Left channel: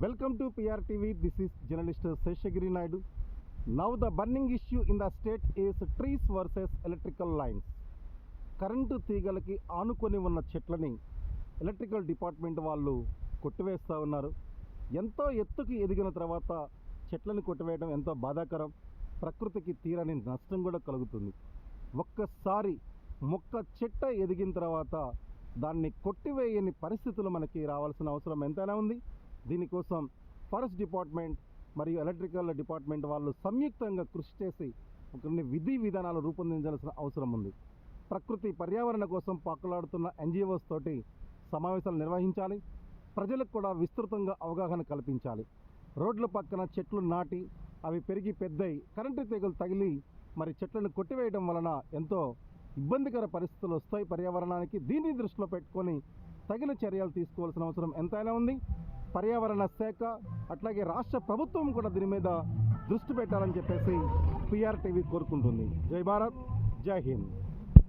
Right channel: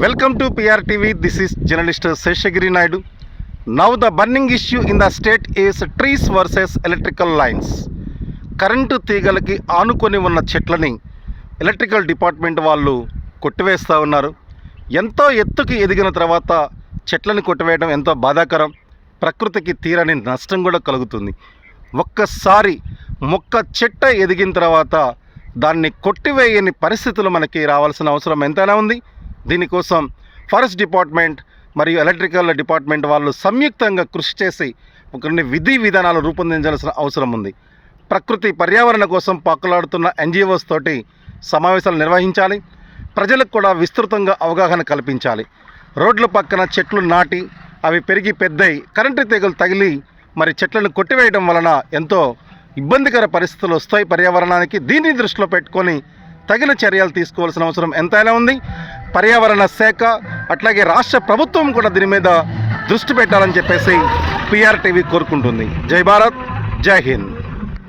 Welcome to PRTV. This is journalist Seshagiri Naidu. Now the burning issue in the state is trees versus electrical lines. Current తీగలకి ఆనుకొని ఉన్న చెట్లని electrical department వాళ్ళు కొట్టివేస్తూ ఉన్నారు. ఎంతో ఎత్తుకి ఎదిగిన తర్వాత చెట్లని కొట్టివేయడం ఎంతో బాధాకరం. ప్రకృతికి తీరని నష్టం కూడా కలుగుతుంది. ఒక్కసారి మొక్క చెట్ట ఎదిగిన తర్వాత దాన్ని కొట్టివేయని పరిస్థితులు మనకి రావాల్సిన అవసరం ఎంతైనా ఉంది. దీనికోసం ఫారెస్ట్ డిపార్ట్మెంట్ మరియు ఎలక్ట్రికల్ డిపార్ట్మెంట్ వాళ్ళు సంయుక్తంగా కృషి చేసి కొన్ని విధి విధానాలు రూపొందించాల్సిన అవసరం ఉంది. ప్రకృతి పర్యావరణ కోసం పాకులాడుతున్న ఎన్జిఓస్ తోటి సమావేశాలు నిర్వహించాలి. ప్రజలకు కూడా విస్తృతంగా అవగాహన కల్పించాలి. రోడ్ల పక్కన చెట్లు నాటి అవి పెరిగి పెద్దయి కరెంటు తీగలు తగిలి మరి చెట్లను కొట్టివేయడం వలన ఎంతో ఇబ్బందికర పరిస్థితులు వస్తాయి పర్యావరణానికి. దీన్ని దృష్టిలో పెట్టుకొని తగిన చర్యలు తీసుకోవాల్సిన అవసరం ఎంతైనా ఉంది. పర్యావరణ శాఖ అట్లాగే రాష్ట్ర ప్రభుత్వం కూడా దీని మీద దృష్టి పెట్టాలని చెప్పేసి PRTV కోరుకుంటుంది. జై భారత్, జై హింద్.